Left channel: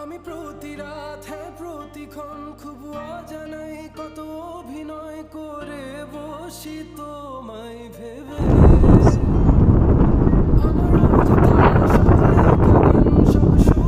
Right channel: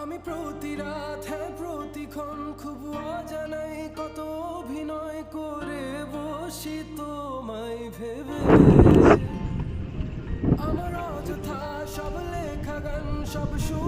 আমি প্রতি রাত হ্যাঁ প্রতিক্ষণ খুব অজানাই কত অভিনয় করে বসি তোমায় ভেবে আমার অযথা সব লেখা গান সব